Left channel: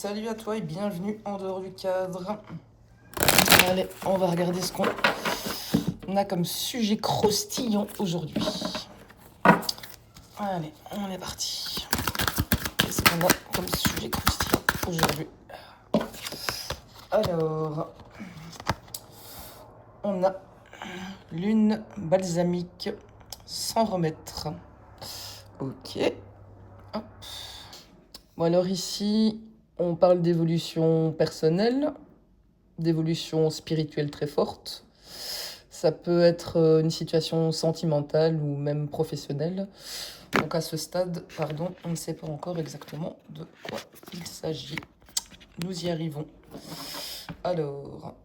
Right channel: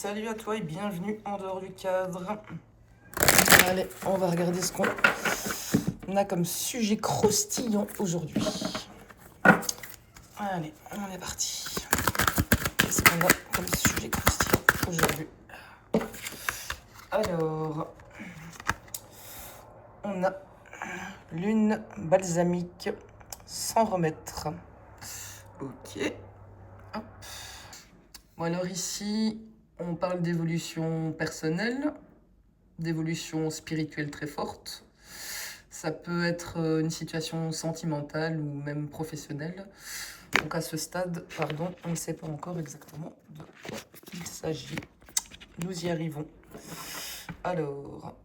Salut à toi et bienvenue en dehors du cadre. Allez, on va regarder ce qu'on a comme sujet croustillant aujourd'hui. Allez, on est parti. Qu'est-ce qu'on a comme sujet croustillant aujourd'hui? Alors, on a lune balsamique sans remettre. Ok. Hop. Bon, alors ici, on parle d'évolution personnelle, d'évolution spirituelle très forte. Ça peut être une situation sentimentale ou même professionnelle. Donc à ce stade, pardon, on ne sait pas encore exactement de quoi il s'agit. Nous y arrivons. Alors,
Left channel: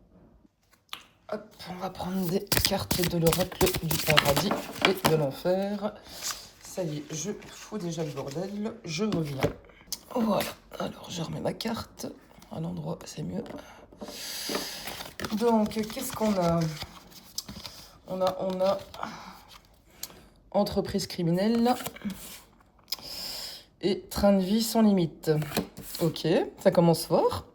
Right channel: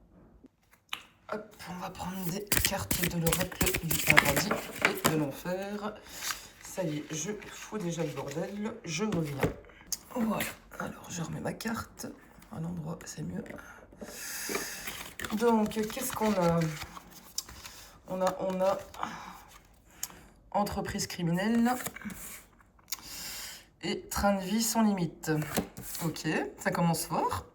hop, on va prendre des cartes de l'oracle du paradis et de l'enfer. Ça y est, je fous déjà le bordel, je reviens. Voilà, alors je remets ma carte à l'endroit, c'est mieux. Donc, qu'est-ce qu'on a? On a entreprise criminelle et train de vie sans limite. Ok, ça commence fort.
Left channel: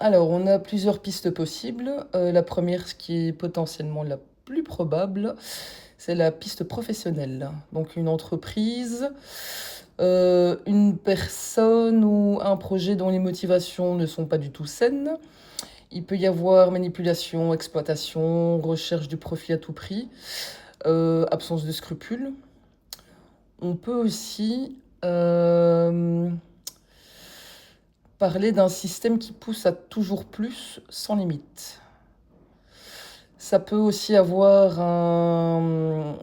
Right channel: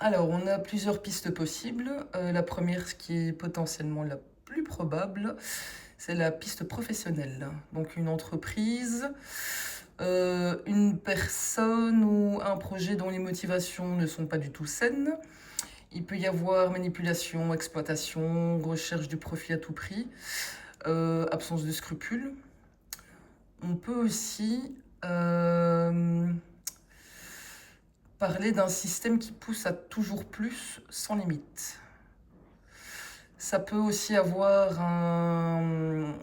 Alors, on a plusieurs pistes possibles. La première, ce qui est potentiellement la plus probable, c'est la piste professionnelle. Donc, une entreprise, une personne ou un projet dont les motivations ne sont pas du tout saines. Il peut y avoir manipulation, exploitation, recherche du profit à tout prix, absence de scrupules. On peut aussi parler d'un système qui pousse à toujours plus sans limite. Ça peut aussi avoir un...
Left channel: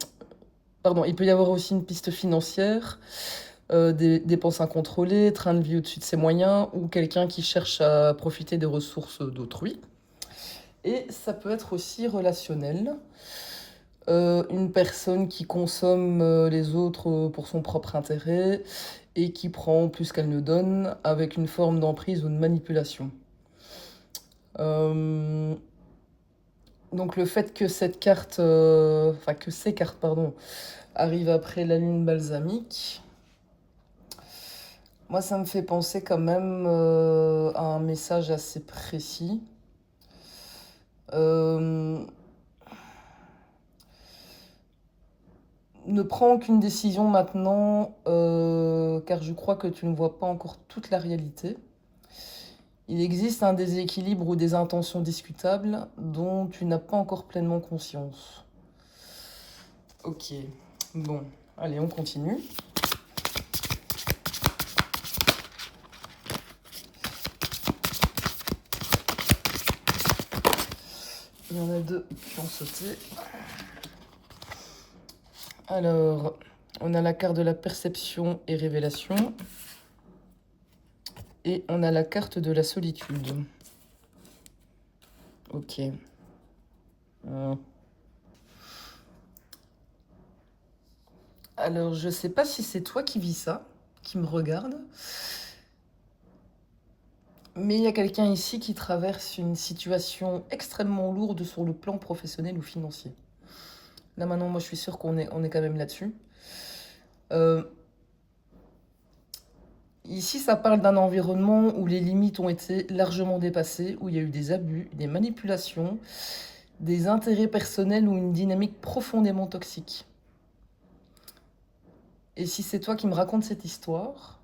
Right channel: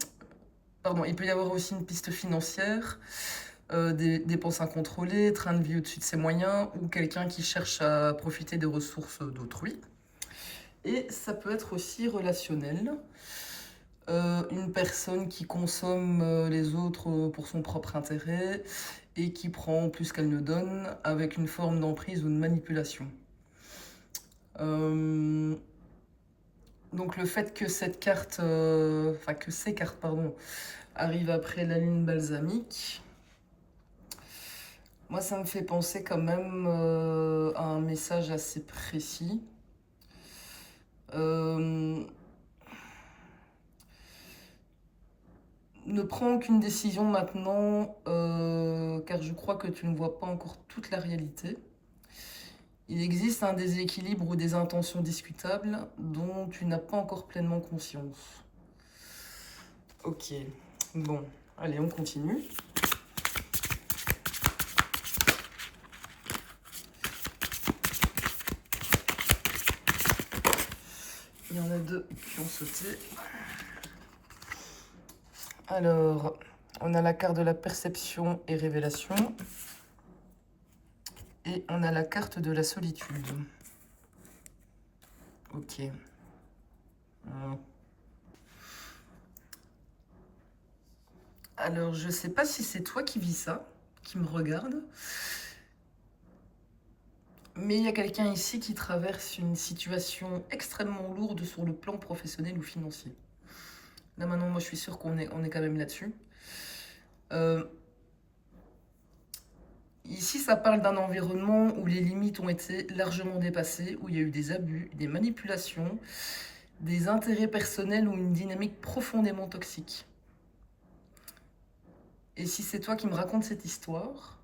Pardon, il peut y avoir aussi une piste financière, des dépenses incontrôlées, train de vie au-dessus de ses moyens, ou quelqu'un qui cherche à profiter des ressources d'autrui. Et ça peut être aussi relationnel. Une personne qui consomme les autres pour son propre intérêt et qui prend plus qu'elle ne donne avec une forme d'emprise ou de manipulation. Donc le fait que cette carte, que ces cartes, pardon, arrivent après la lune balsamique, moi ça me fait penser quand même à un message assez précis. Ne prends aucune décision maintenant, car je crois que tu ne vois pas encore toute la réalité. Il existe un déséquilibre ou des intentions discutables dont tu n'as pas encore pleinement conscience. Ok, bon, allez, on continue. Il y en a deux qui ont sauté. Alors, on a la carte de la perception et révélation. Et on a la carte de la solitude. Ok. Alors, je sais pas si c'est toi qui vis ça, qui me regarde. Mais il y a quelqu'un ici qui traverse une situation extrêmement lourde sur le plan professionnel ou financier. Là maintenant, moi je suis sûre qu'on est quand même là-dessus. Ici, ça parle d'un environnement où les limites ont été largement dépassées, où il y a eu des abus, des manipulations, des intérêts personnels ou une dynamique profondément toxique. Et si c'est toi qui me racontes cette histoire,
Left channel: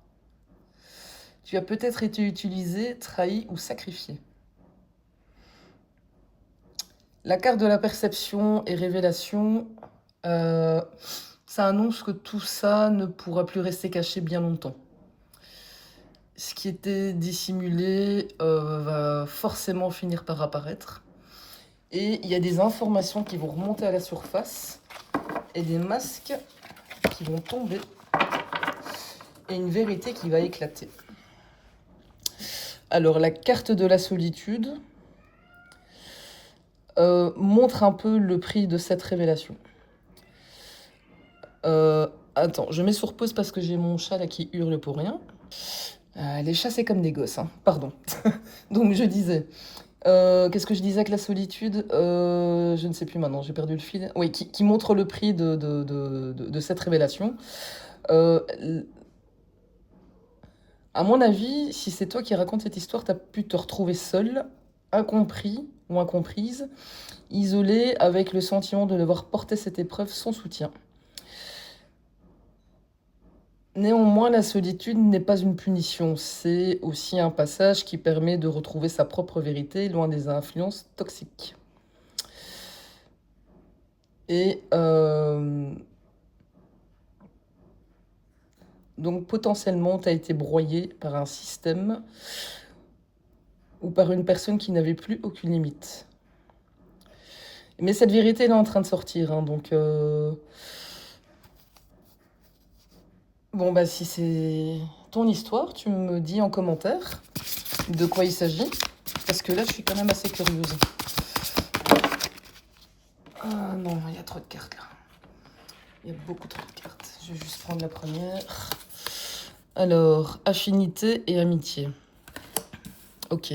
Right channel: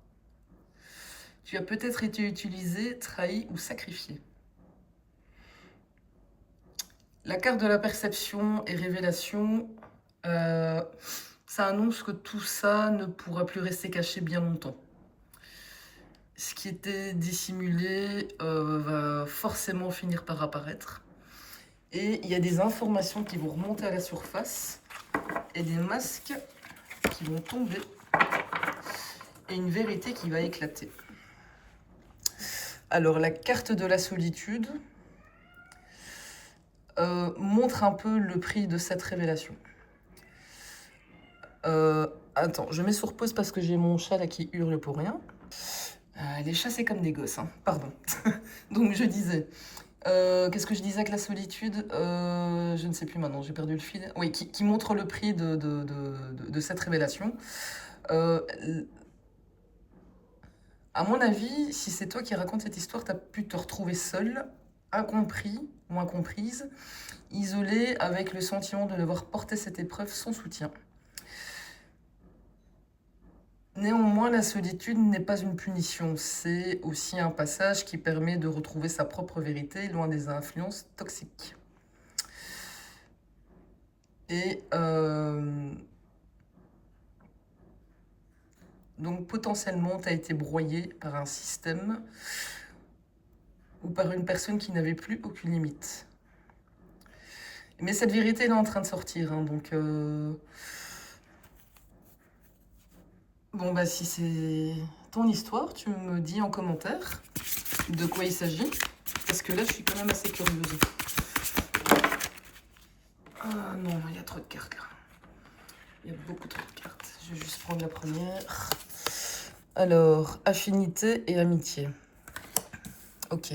tu as peut-être été utilisé, trahi ou sacrifié. La carte de la perception et révélation, ça annonce que tout ça ne pourra plus rester caché bien longtemps. Ce qui était dissimulé va forcément finir par apparaître. Et il y a des informations qui vont remonter à la surface et des masques qui vont tomber et une vérité qui va éclater. Alors la carte de la solitude montre un peu le prix de cette révélation. Attends, je mets sur pause parce que j'ai mon chat là qui hurle pour rien. Les chats c'est comme des gosses, hein. Pardon. Donc je disais, qu'est-ce que je disais avec la solitude? Je ne sais plus maintenant, j'ai perdu le fil. Oui, qui montre le prix de cette révélation. À mon avis, si c'est toi qui racontes cette histoire, tu as pu te retrouver seul, incompris ou incomprise, isolé avec le sentiment de devoir porter cette épreuve sans soutien. Néanmoins, la solitude n'est pas une punition, c'est aussi un passage qui permet de retrouver sa propre vérité loin des influences toxiques. Et donc potentiellement, tu as été broyé par un système ou par une personne qui n'avait plus aucune limite. Mais cette vérité, elle est en train de sortir, hein, donc... Bon, bah si c'est ton histoire, tu me dis en commentaire de quoi il s'agit, parce que là, je suis quand même assez curieuse. Ah non, il y a trop de cartes là. Il y a beaucoup trop de cartes. Je vais juste prendre la première. Alors, affinité et amitié. Ok.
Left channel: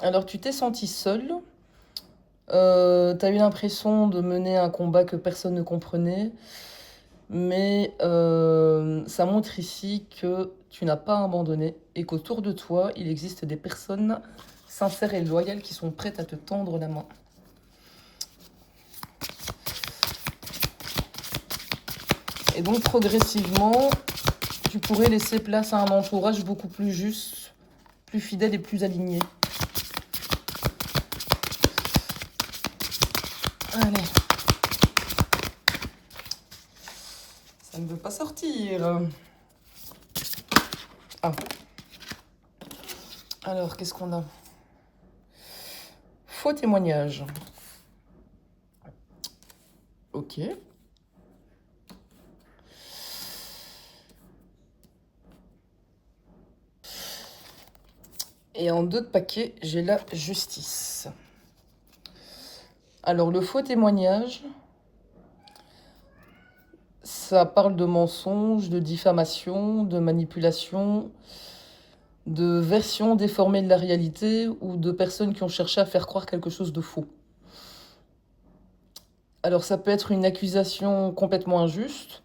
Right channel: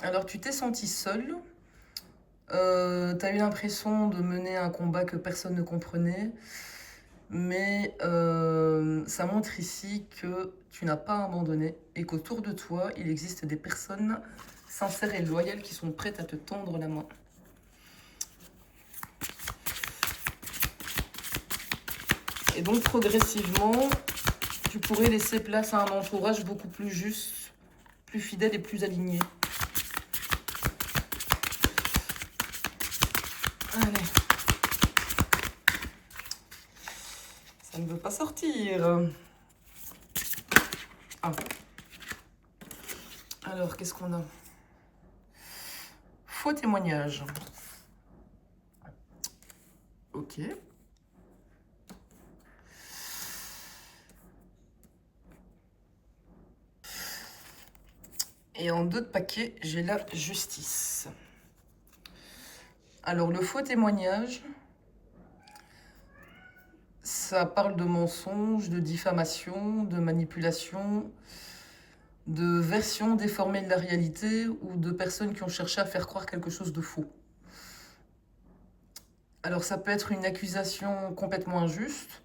Alors, tu t'es senti seule. T'as eu l'impression de mener un combat que personne ne comprenait. Mais ça montre ici que tu n'as pas abandonné et qu'autour de toi, il existe des personnes sincères et loyales qui sont prêtes à te tendre la main. Et donc progressivement, tu pourrais laisser place à un entourage beaucoup plus juste, plus fidèle et plus aligné. Allez. Ça ne veut pas sortir. Ah. Alors, qu'est-ce qu'on a? Faux témoignage. Ok. Et en d'autres paquets, j'ai la justice. Alors, le faux témoignage, ça parle de mensonges, de diffamation, de manipulation, de versions déformées de la réalité ou de personnes qui ont cherché à faire croire quelque chose de faux. Alors, ça peut être une accusation complètement injuste,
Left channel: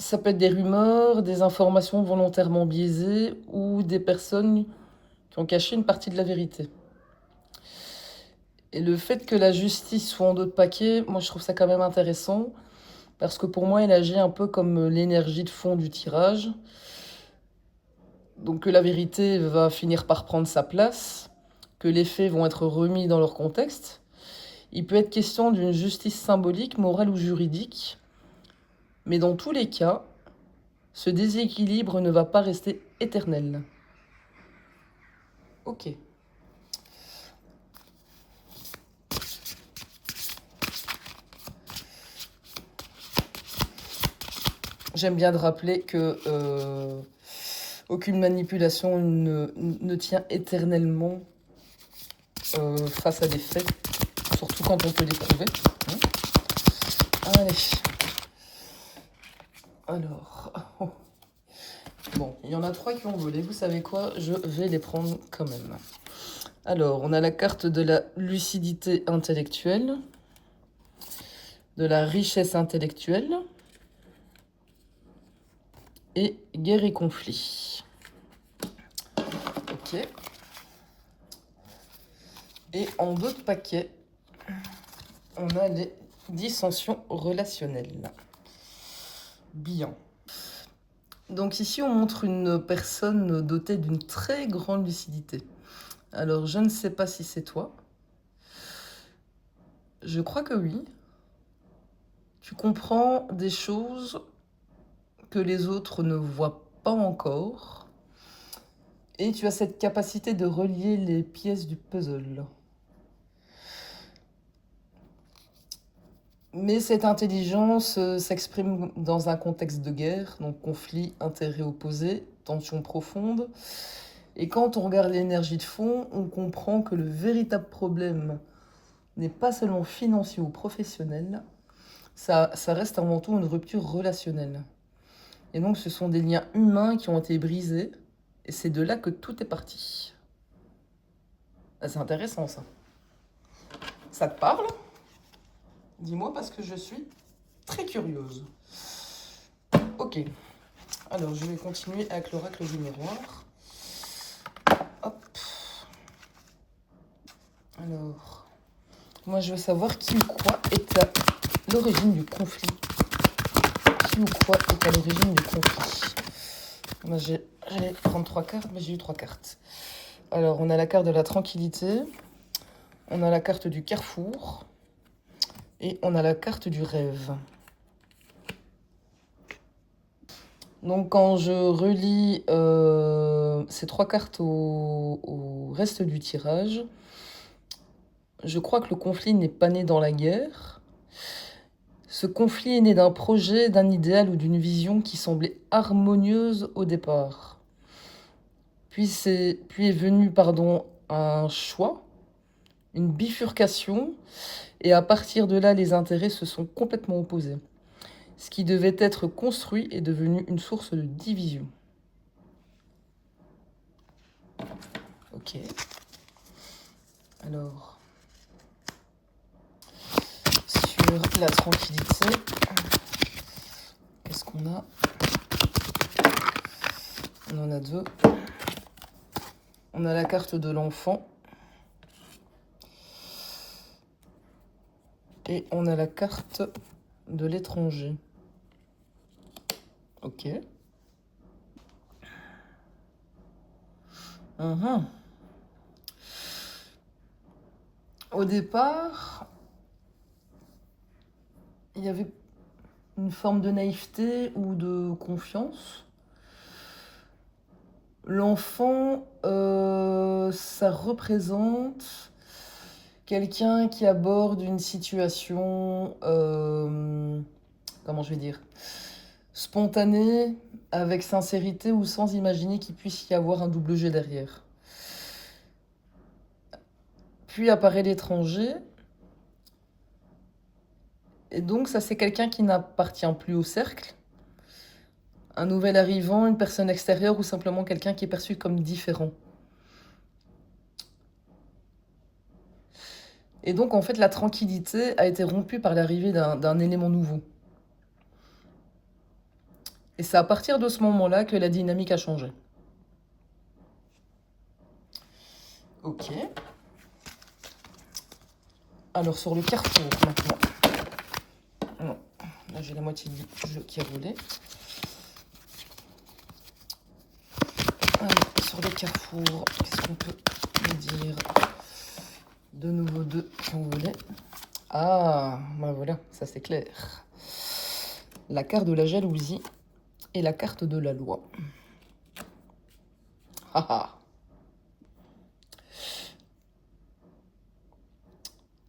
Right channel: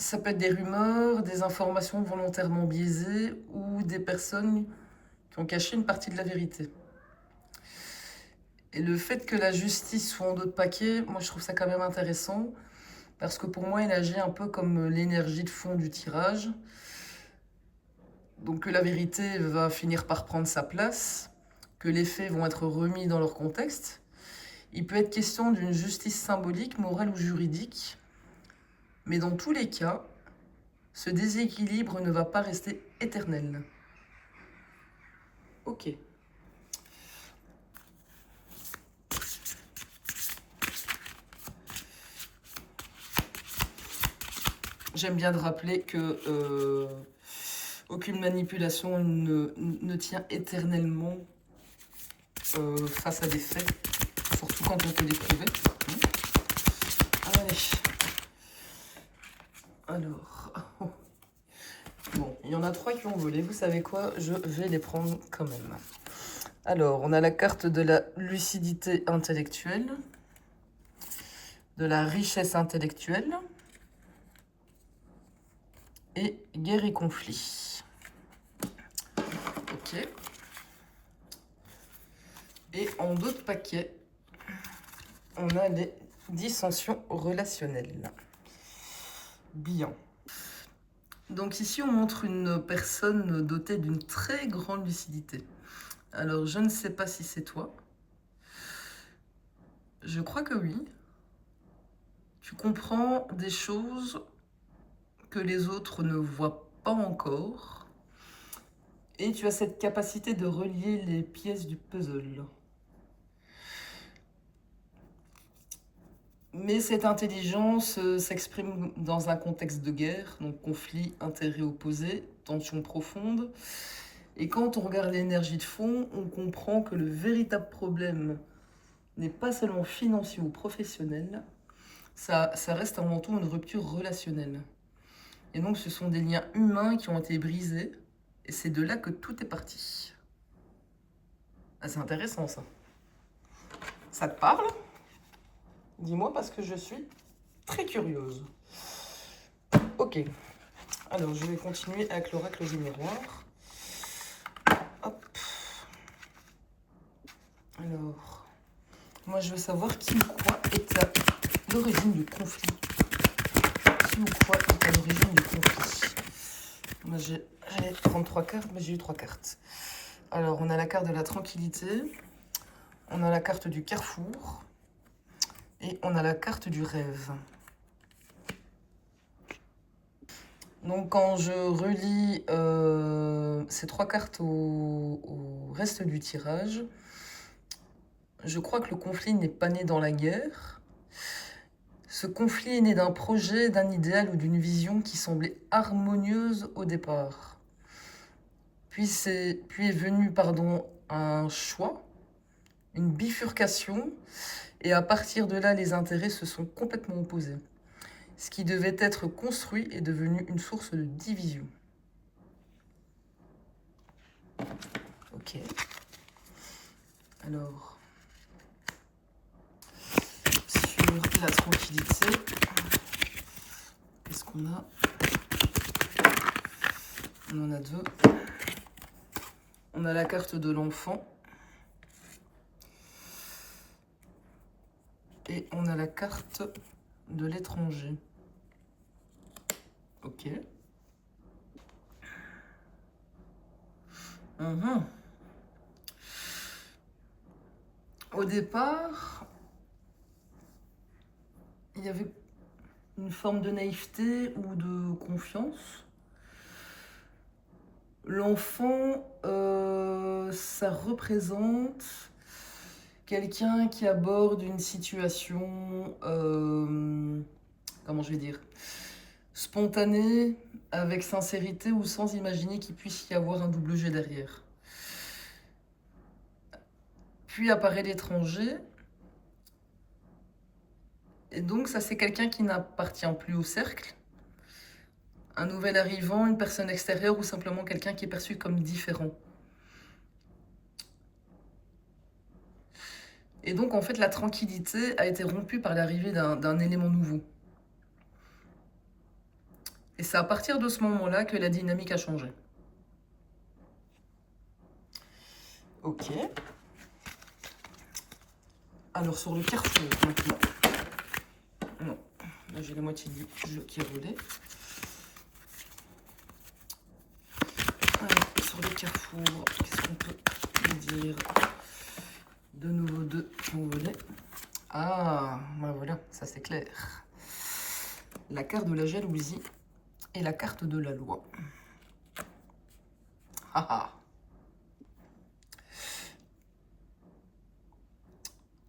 ça peut être des rumeurs, des informations volontairement biaisées ou des personnes qui ont caché une partie de la vérité. Et le fait que la justice soit en d'autres paquets, moi je trouve ça quand même intéressant, parce que pour moi elle agit un peu comme l'énergie de fond du tirage. Donc que la vérité va finir par prendre sa place, que les faits vont être remis dans leur contexte. Il peut être question d'une justice symbolique, morale ou juridique, mais dans tous les cas, ce déséquilibre ne va pas rester éternel. Ok. J'aime bien de rappeler que aucune manipulation ne tient éternellement face à des faits, surtout quand on peut les prouver. Allez. Alors. Oh. Bon, il y en a 3 qui ont volé. Vous savez quoi? Je vais les prendre quand même. Alors, on a la carte de la lucidité intellectuelle, de la richesse intellectuelle et guerre et conflit. Ok. Et en d'autres paquets, on a les dissensions relationnelles. Bien. Donc ici, on montre une personne dotée d'une très grande lucidité. Alors, je ne sais pas si c'est toi. Je crois que oui. Tu comprends des choses que les autres ne voient pas encore. Et tu as cette capacité de relier les pièces du puzzle. Mais cette intelligence s'exprime dans un contexte de guerre, donc conflit, intérêts opposés, tension profonde. Et quand on regarde l'énergie de fond, on comprend que le véritable problème n'est pas seulement financier ou professionnel, ça reste avant tout une rupture relationnelle. Et donc ce sont des liens humains qui ont été brisés, et c'est de là que tout est parti. Ah, c'est intéressant ça. Ça te parle? Dis-moi parce que je suis très curieuse. Ok. Alors, je vais continuer avec l'oracle du miroir. Hop. Alors, moi, je veux savoir qui ou quoi est à l'origine du conflit. Qui ou quoi est à l'origine du conflit. Moi, j'allais prendre 3 cartes, mais j'ai eu 3 cartes. Alors, on a la carte de la tranquillité, on a la carte du carrefour et on a la carte du rêve. Donc, quand je relis ces 3 cartes au reste du tirage, je crois que le conflit n'est pas né dans la guerre. Ce conflit est né d'un projet, d'un idéal ou d'une vision qui semblait harmonieuse au départ. Puis est venu, un choix, une bifurcation, et à partir de là, les intérêts se sont complètement opposés. Ce qui devait être construit est devenu une source de division. Ok. Alors, sur la tranquillité, qu'est-ce qu'on a? On en a 2. On a la carte de l'enfant. Et on a la carte de l'étranger. Ok. Au départ, il y avait une forme de naïveté ou de confiance. L'enfant, ça représente quelqu'un qui aborde une situation, comment je vais dire, spontanée, avec sincérité ou sans imaginer qu'il puisse y avoir un double jeu derrière. Puis apparaît l'étranger. Et donc ça, c'est quelqu'un qui n'appartient plus au cercle. Un nouvel arrivant, une personne extérieure ou simplement quelqu'un qui est perçu comme différent. Et donc, en fait, la tranquillité a été rompue par l'arrivée d'un élément nouveau. Et c'est à partir de ce moment-là que la dynamique a changé. Ok. Alors, sur le carrefour, maintenant. Non, là, j'ai la moitié du jeu qui a volé. Alors, sur le carrefour, qu'est-ce qu'on peut dire? De nouveau 2 qui ont volé. Ah, ben voilà, ça c'est clair. La carte de la jalousie et la carte de la loi. Haha.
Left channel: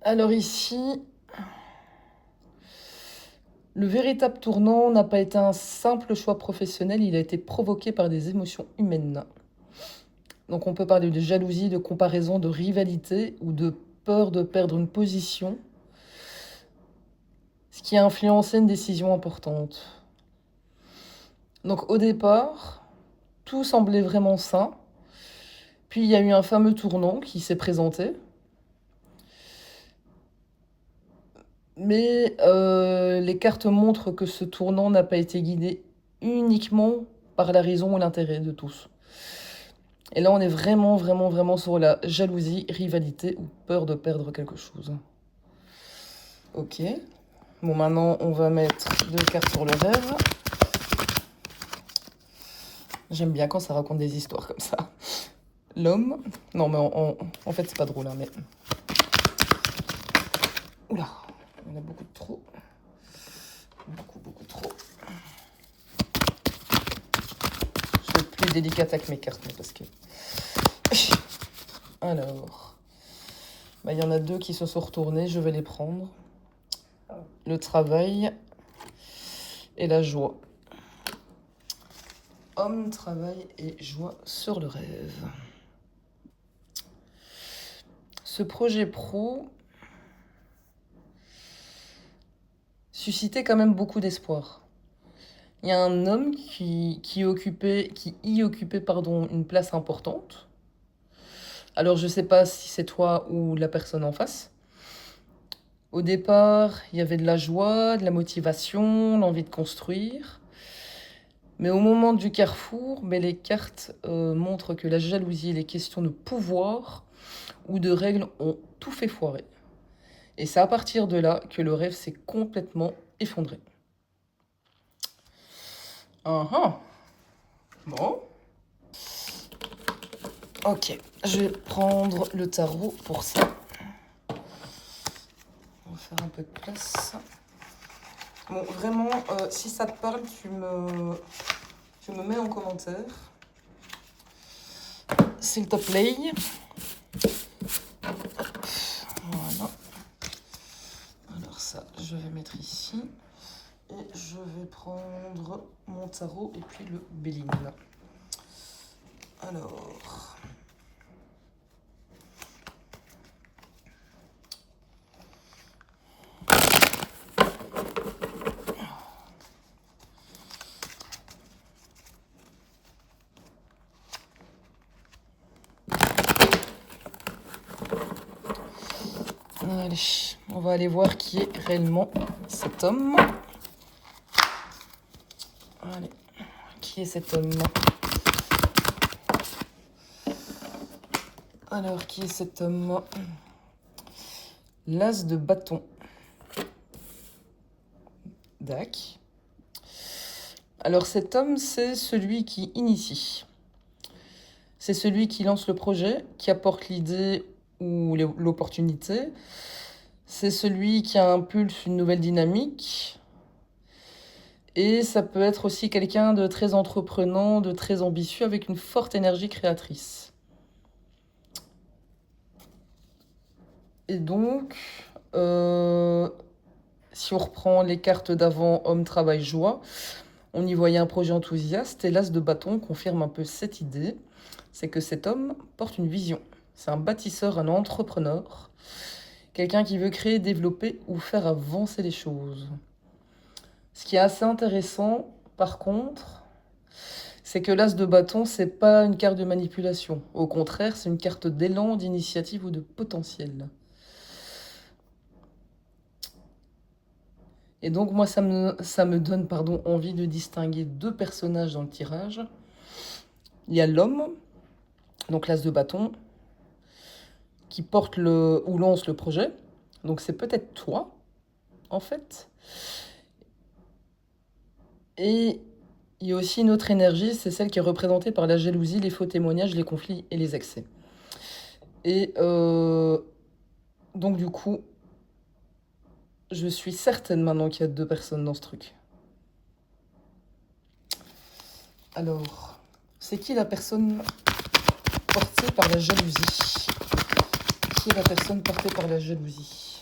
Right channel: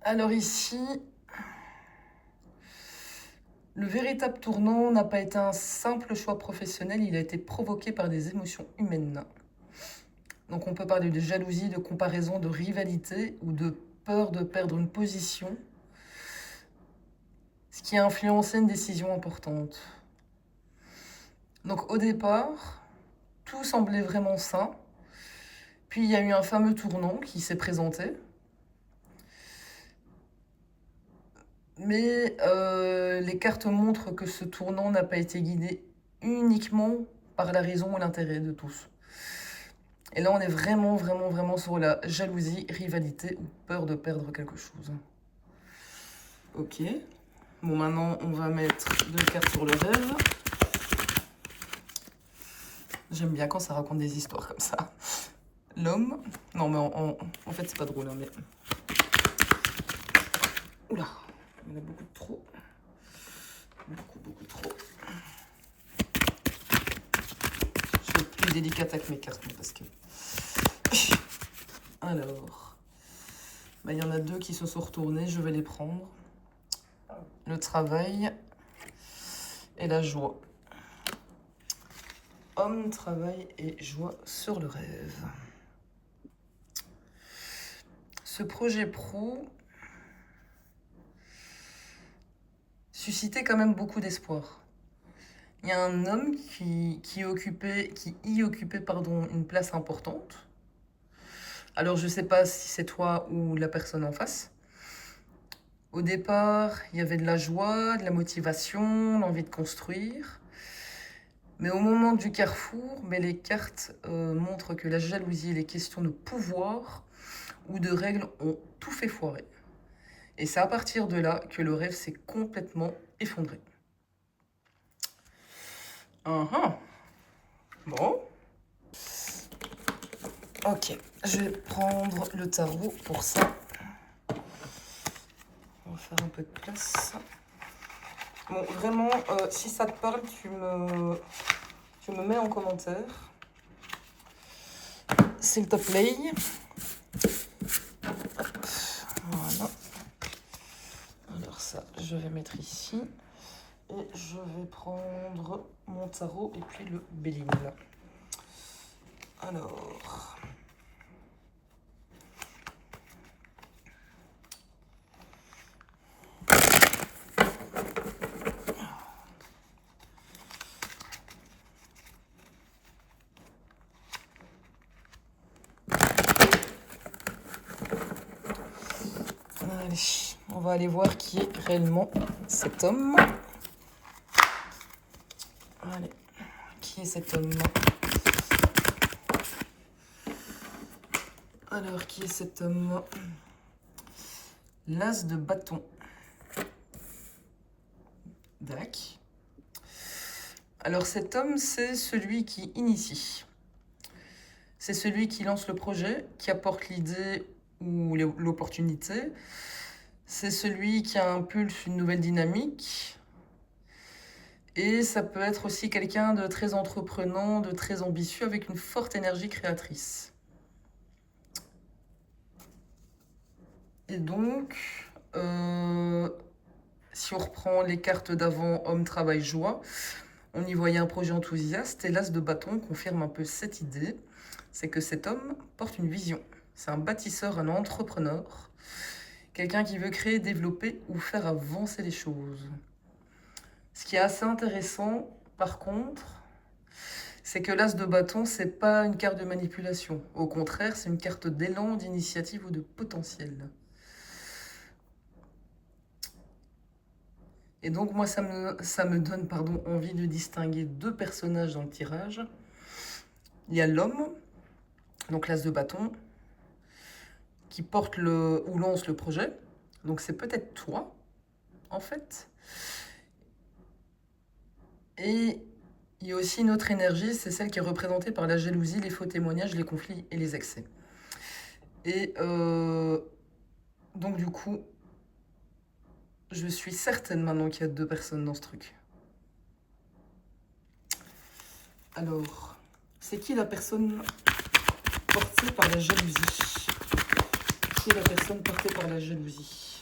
Alors ici, le véritable tournant n'a pas été un simple choix professionnel, il a été provoqué par des émotions humaines. Donc on peut parler de jalousie, de comparaison, de rivalité ou de peur de perdre une position, ce qui a influencé une décision importante. Donc au départ, tout semblait vraiment sain, puis il y a eu un fameux tournant qui s'est présenté. Mais les cartes montrent que ce tournant n'a pas été guidé uniquement par la raison ou l'intérêt de tous. Et là, on est vraiment sur la jalousie, rivalité ou peur de perdre quelque chose. Ok. Bon, maintenant, on va mettre 2 cartes sur le rêve. J'aime bien quand ça raconte des histoires comme ça. L'homme. Non, mais en fait, c'est pas drôle, hein, mais... Oula, on a beaucoup de trop. Beaucoup trop. Je suis plus délicate avec mes cartes, parce que... Alors... Bah, y en a 2 qui se sont retournés, je vais les prendre. Le travail et la joie. Homme, travail et joie sur le rêve. Ce projet pro suscitait quand même beaucoup d'espoir. Il y a un homme qui y occupait une place importante. Alors je ne sais pas si c'est toi ou la personne en face. Au départ, il y avait de la joie, de la motivation, l'envie de construire. Mais au moment du carrefour, mais les cartes montrent que la jalousie et les questions de pouvoir ou de règles ont tout fait foirer. Et c'est à partir de là que le rêve s'est complètement effondré. Bon. Ok, je vais prendre le tarot pour ça. On va faire un peu de place. Bon, vraiment, si ça te parle, tu me mets en commentaire. S'il te plaît. Voilà. Alors ça, je vais mettre ici. Et je vais prendre mon tarot et puis le Béline. Alors... Allez, on va aller voir qui est réellement cet homme. Allez, qui est cet homme? Alors, qui est cet homme? L'as de bâton. Dac. Alors, cet homme, c'est celui qui initie. C'est celui qui lance le projet, qui apporte l'idée ou l'opportunité. C'est celui qui impulse une nouvelle dynamique. Et ça peut être aussi quelqu'un de très entreprenant, de très ambitieux, avec une forte énergie créatrice. Et donc, si on reprend les cartes d'avant, homme, travail, joie, on y voyait un projet enthousiaste. Et l'as de bâton confirme un peu cette idée. C'est que cet homme porte une vision. C'est un bâtisseur, un entrepreneur. Quelqu'un qui veut créer, développer ou faire avancer les choses. Ce qui est assez intéressant, par contre, c'est que l'as de bâton, c'est pas une carte de manipulation. Au contraire, c'est une carte d'élan, d'initiative ou de potentiel. Et donc, moi, ça me donne envie de distinguer deux personnages dans le tirage. Il y a l'homme, donc l'as de bâton, qui porte ou lance le projet. Donc, c'est peut-être toi, en fait. Et il y a aussi une autre énergie, c'est celle qui est représentée par la jalousie, les faux témoignages, les conflits et les excès. Et donc du coup, je suis certaine maintenant qu'il y a deux personnes dans ce truc. Alors, c'est qui la personne portée par la jalousie? Qui est la personne portée par la jalousie?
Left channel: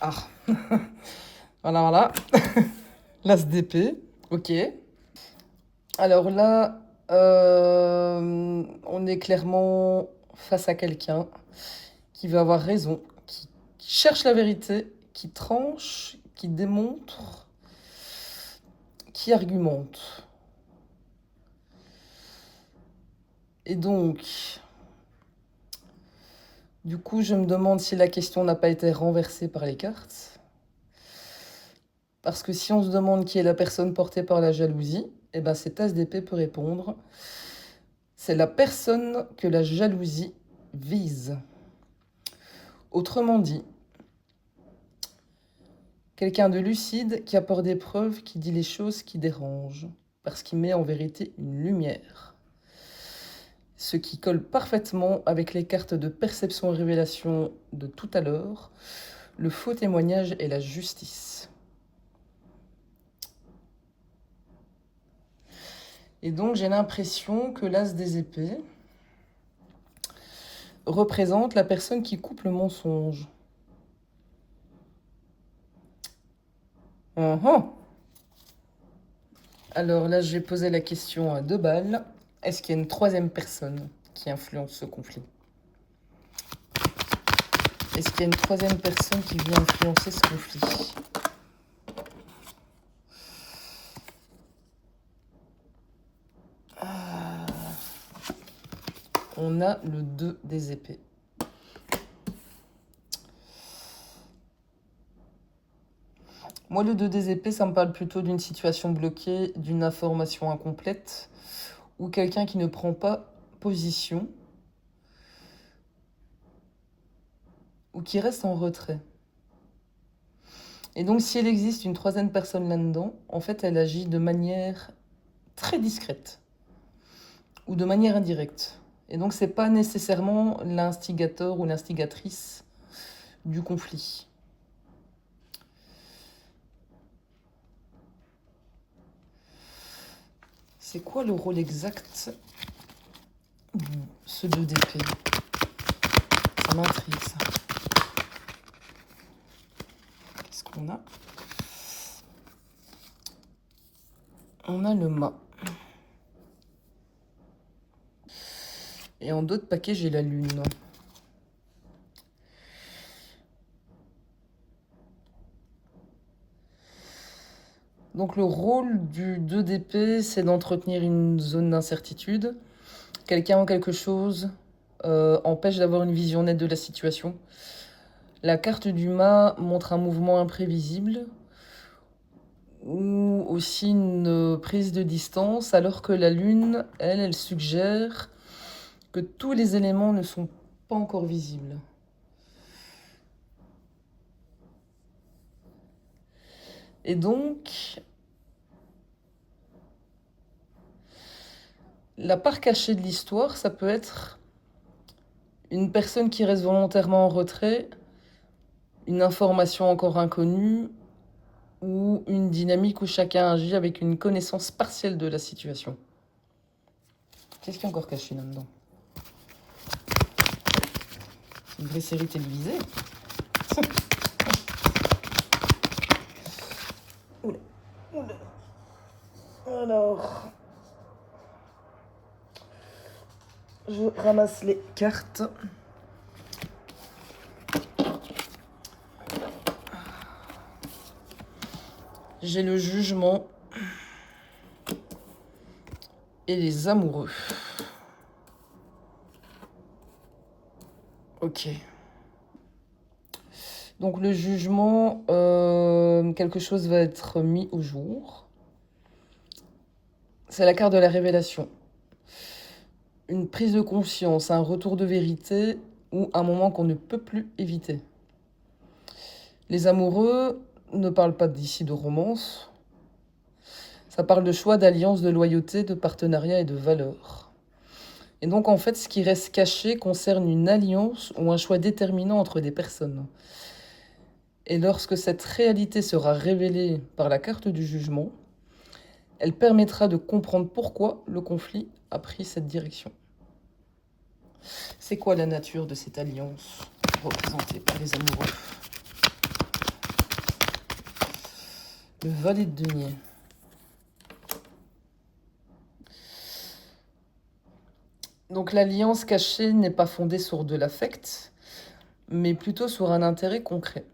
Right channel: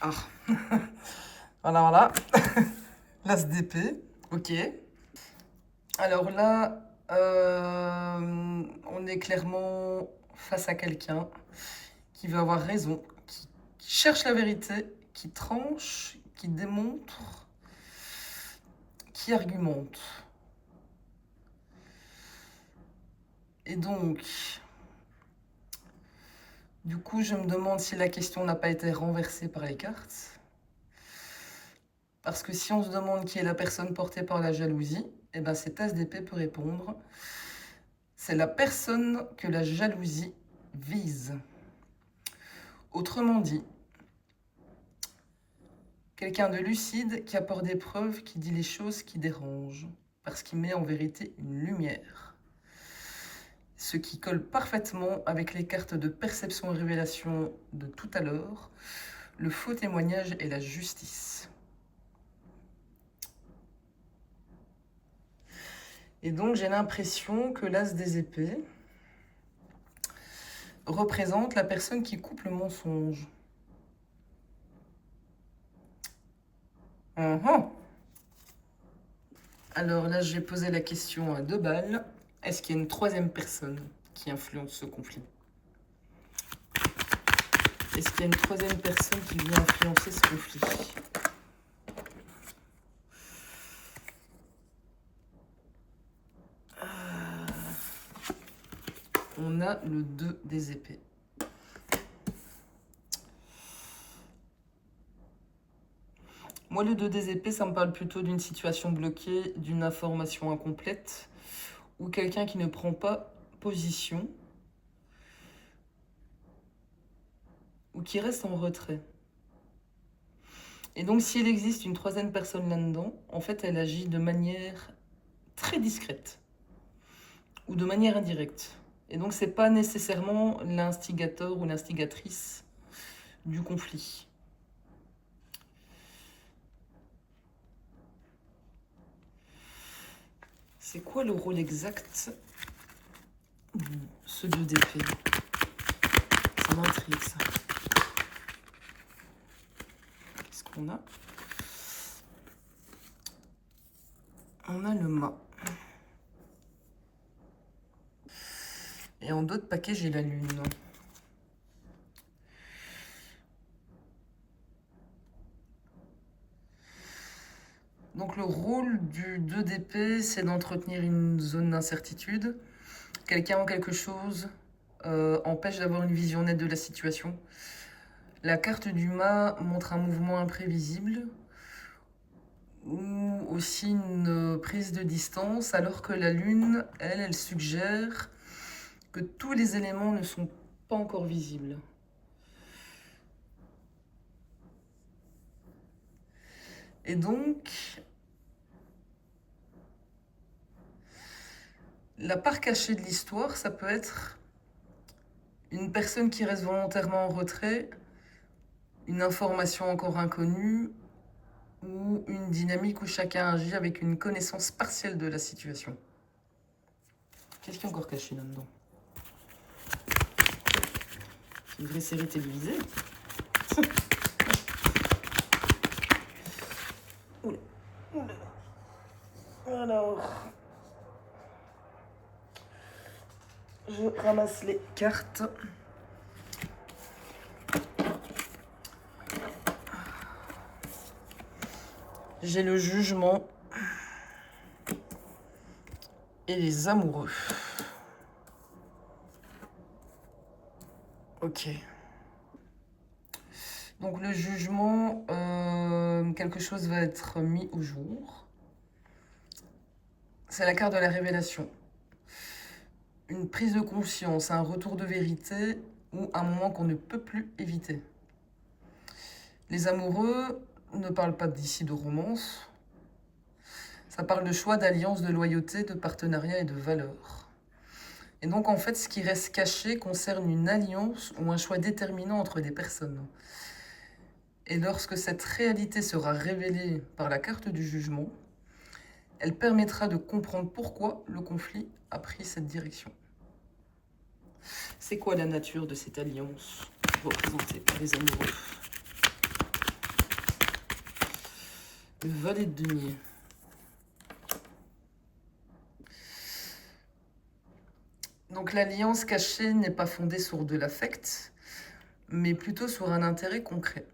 Ah, voilà. L'as d'épée, ok. Alors là, on est clairement face à quelqu'un qui veut avoir raison, qui cherche la vérité, qui tranche, qui démontre, qui argumente. Et donc, du coup, je me demande si la question n'a pas été renversée par les cartes. Parce que si on se demande qui est la personne portée par la jalousie, eh ben cet as d'épée peut répondre. C'est la personne que la jalousie vise. Autrement dit, quelqu'un de lucide qui apporte des preuves, qui dit les choses qui dérangent, parce qu'il met en vérité une lumière. Ce qui colle parfaitement avec les cartes de perception et révélation de tout à l'heure, le faux témoignage et la justice. Et donc j'ai l'impression que l'as des épées représente la personne qui coupe le mensonge. Alors là, j'ai posé la question à 2 balles. Est-ce qu'il y a une troisième personne qui influence ce conflit? Est-ce qu'il y a une troisième personne qui vient influencer ce conflit? On a le 2 des épées. Moi, le 2 des épées, ça me parle plutôt d'une situation bloquée, d'une information incomplète, ou quelqu'un qui ne prend pas position, ou qui reste en retrait. Et donc, si elle existe une troisième personne là-dedans, en fait, elle agit de manière très discrète, ou de manière indirecte. Et donc, c'est pas nécessairement l'instigateur ou l'instigatrice du conflit. C'est quoi le rôle exact de ce 2 d'épée? Ça m'intrigue, ça. Qu'est-ce qu'on a? On a le mât. Et en d'autres paquets, j'ai la lune. Donc le rôle du 2 d'épée, c'est d'entretenir une zone d'incertitude. Quelqu'un ou quelque chose empêche d'avoir une vision nette de la situation. La carte du mât montre un mouvement imprévisible ou aussi une prise de distance, alors que la lune, elle suggère que tous les éléments ne sont pas encore visibles. Et donc, la part cachée de l'histoire, ça peut être une personne qui reste volontairement en retrait, une information encore inconnue, ou une dynamique où chacun agit avec une connaissance partielle de la situation. Qu'est-ce qui est encore caché là-dedans? Une vraie série télévisée. Oula. Alors, je ramasse les cartes. J'ai le jugement et les amoureux. Ok. Donc le jugement, quelque chose va être mis au jour. C'est la carte de la révélation. Une prise de conscience, un retour de vérité ou un moment qu'on ne peut plus éviter. Les amoureux ne parlent pas d'ici de romance. Ça parle de choix, d'alliance, de loyauté, de partenariat et de valeur. Et donc en fait, ce qui reste caché concerne une alliance ou un choix déterminant entre des personnes. Et lorsque cette réalité sera révélée par la carte du jugement, elle permettra de comprendre pourquoi le conflit a pris cette direction. C'est quoi la nature de cette alliance représentée par les amoureux? Le valet de denier. Donc l'alliance cachée n'est pas fondée sur de l'affect, mais plutôt sur un intérêt concret.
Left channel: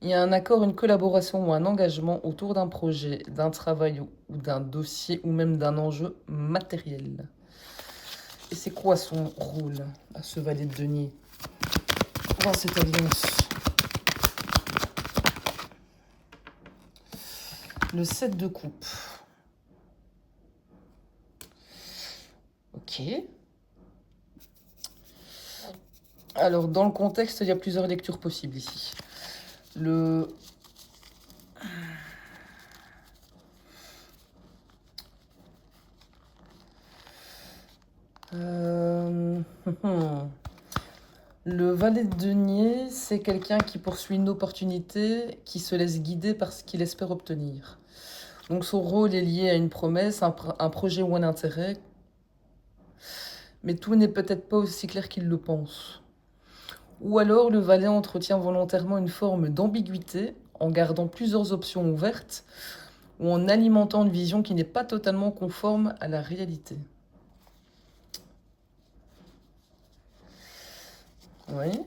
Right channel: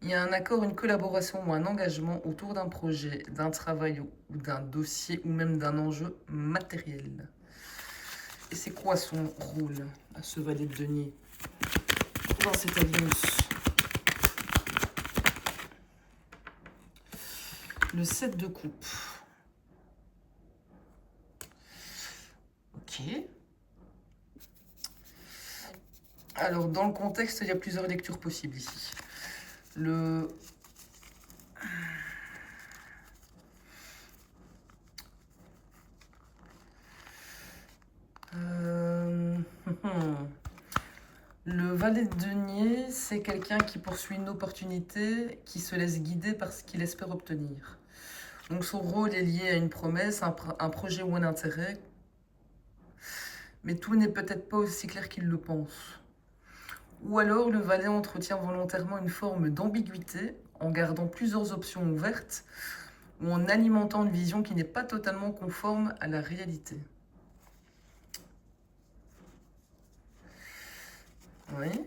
Il y a un accord, une collaboration ou un engagement autour d'un projet, d'un travail ou d'un dossier ou même d'un enjeu matériel. Et c'est quoi son rôle à ce valet de denier dans cette alliance? Le 7 de coupe. Ok. Alors, dans le contexte, il y a plusieurs lectures possibles ici. Le... Le valet de denier, c'est quelqu'un qui poursuit une opportunité, qui se laisse guider par ce qu'il espère obtenir. Donc son rôle est lié à une promesse, un projet ou un intérêt, mais tout n'est peut-être pas aussi clair qu'il le pense. Ou alors le valet entretient volontairement une forme d'ambiguïté en gardant plusieurs options ouvertes ou en alimentant une vision qui n'est pas totalement conforme à la réalité. Oui.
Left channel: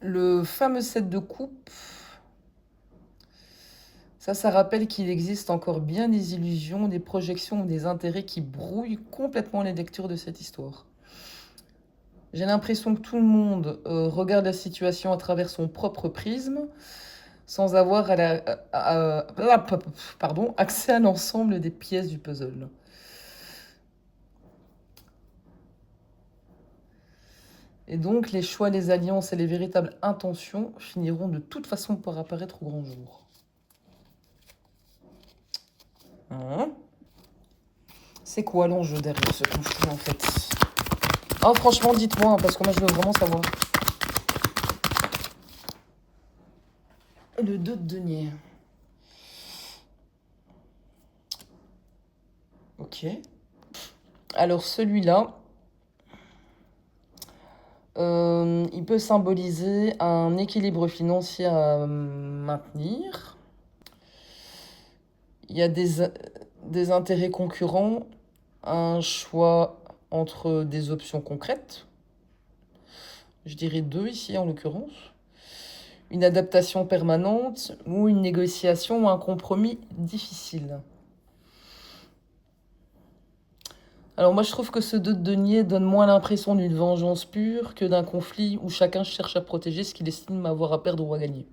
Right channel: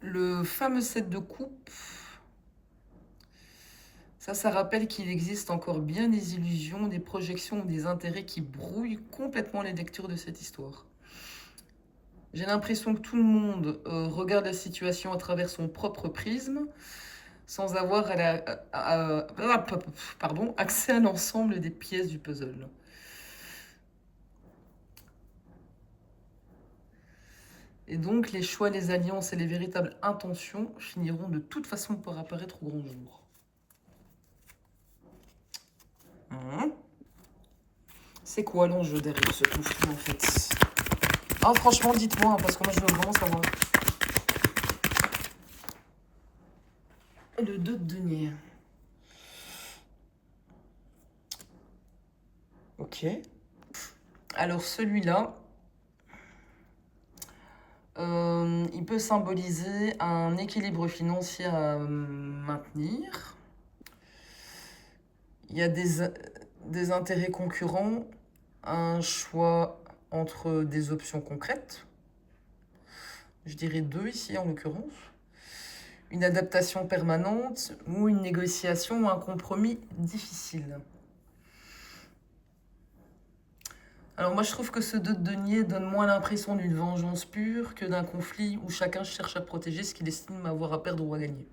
Le fameux 7 de coupe, ça rappelle qu'il existe encore bien des illusions, des projections, des intérêts qui brouillent complètement les lectures de cette histoire. J'ai l'impression que tout le monde regarde la situation à travers son propre prisme, sans avoir pardon, accès à l'ensemble des pièces du puzzle. Et donc, les choix, les alliances et les véritables intentions finiront de toute façon par apparaître au grand jour. Hein? C'est quoi l'enjeu derrière ce conflit en fait? Ah, franchement, dites-moi, parce que moi je veux vraiment savoir. Le 2 de denier. Ok. Alors celui-là, il peut symboliser un équilibre financier à maintenir. Il y a des intérêts concurrents, un choix entre des options concrètes. Je dirais deux ici en l'occurrence. Une adaptation permanente ou une négociation ou un compromis difficile. Alors moi je trouve que ce 2 de denier donne moins l'impression d'une vengeance pure que d'un conflit où chacun cherche à protéger ce qu'il estime avoir à perdre ou à gagner.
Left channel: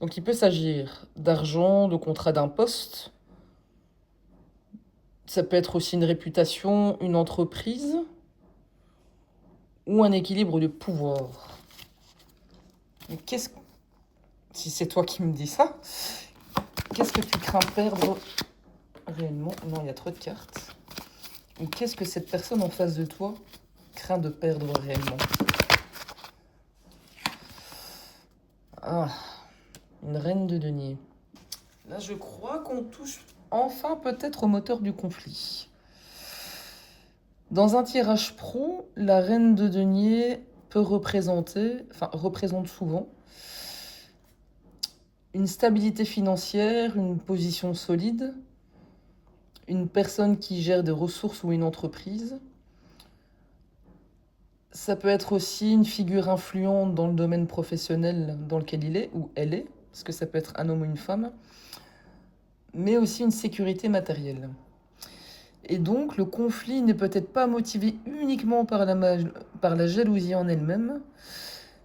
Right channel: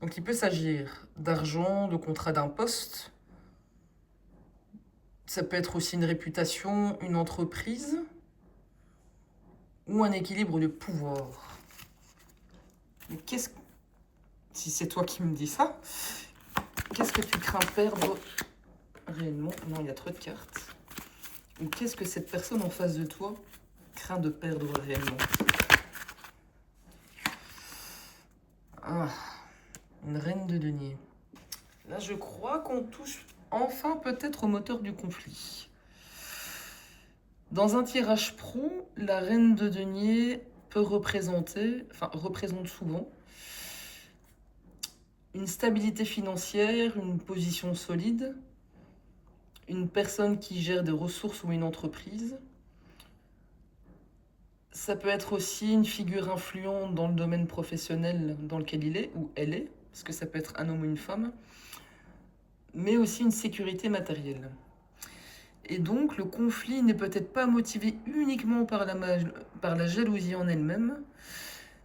Donc il peut s'agir d'argent, de contrat d'un poste. Ça peut être aussi une réputation, une entreprise ou un équilibre de pouvoir. Mais si c'est toi qui me dis ça, qu'est-ce que tu crains perdre réellement? Non, il y a trop de cartes. Ou qu'est-ce que cette personne en face de toi craint de perdre réellement? Ah, une reine de denier. Là, je crois qu'on touche enfin peut-être au moteur du conflit. Dans un tirage pro, la reine de denier représente souvent une stabilité financière, une position solide, une personne qui gère des ressources ou une entreprise. Ça peut être aussi une figure influente dans le domaine professionnel dans lequel il est ou elle est, parce que ça peut être un homme ou une femme, mais aussi une sécurité matérielle. Et donc, le conflit n'est peut-être pas motivé uniquement par la jalousie en elle-même.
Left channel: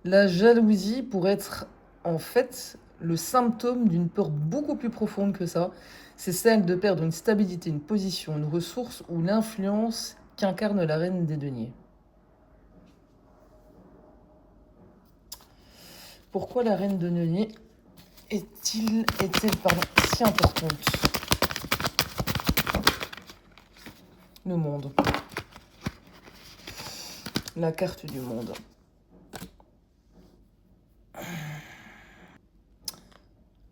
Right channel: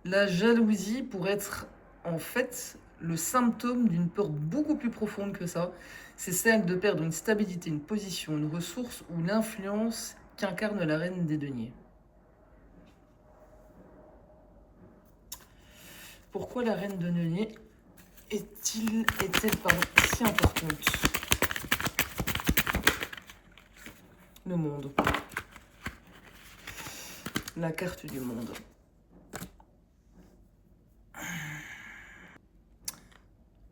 La jalousie pourrait être en fait le symptôme d'une peur beaucoup plus profonde que ça. C'est celle de perdre une stabilité, une position, une ressource ou l'influence qu'incarne la reine des deniers. Pourquoi la reine de denier est-elle si importante? Le monde. La carte du monde.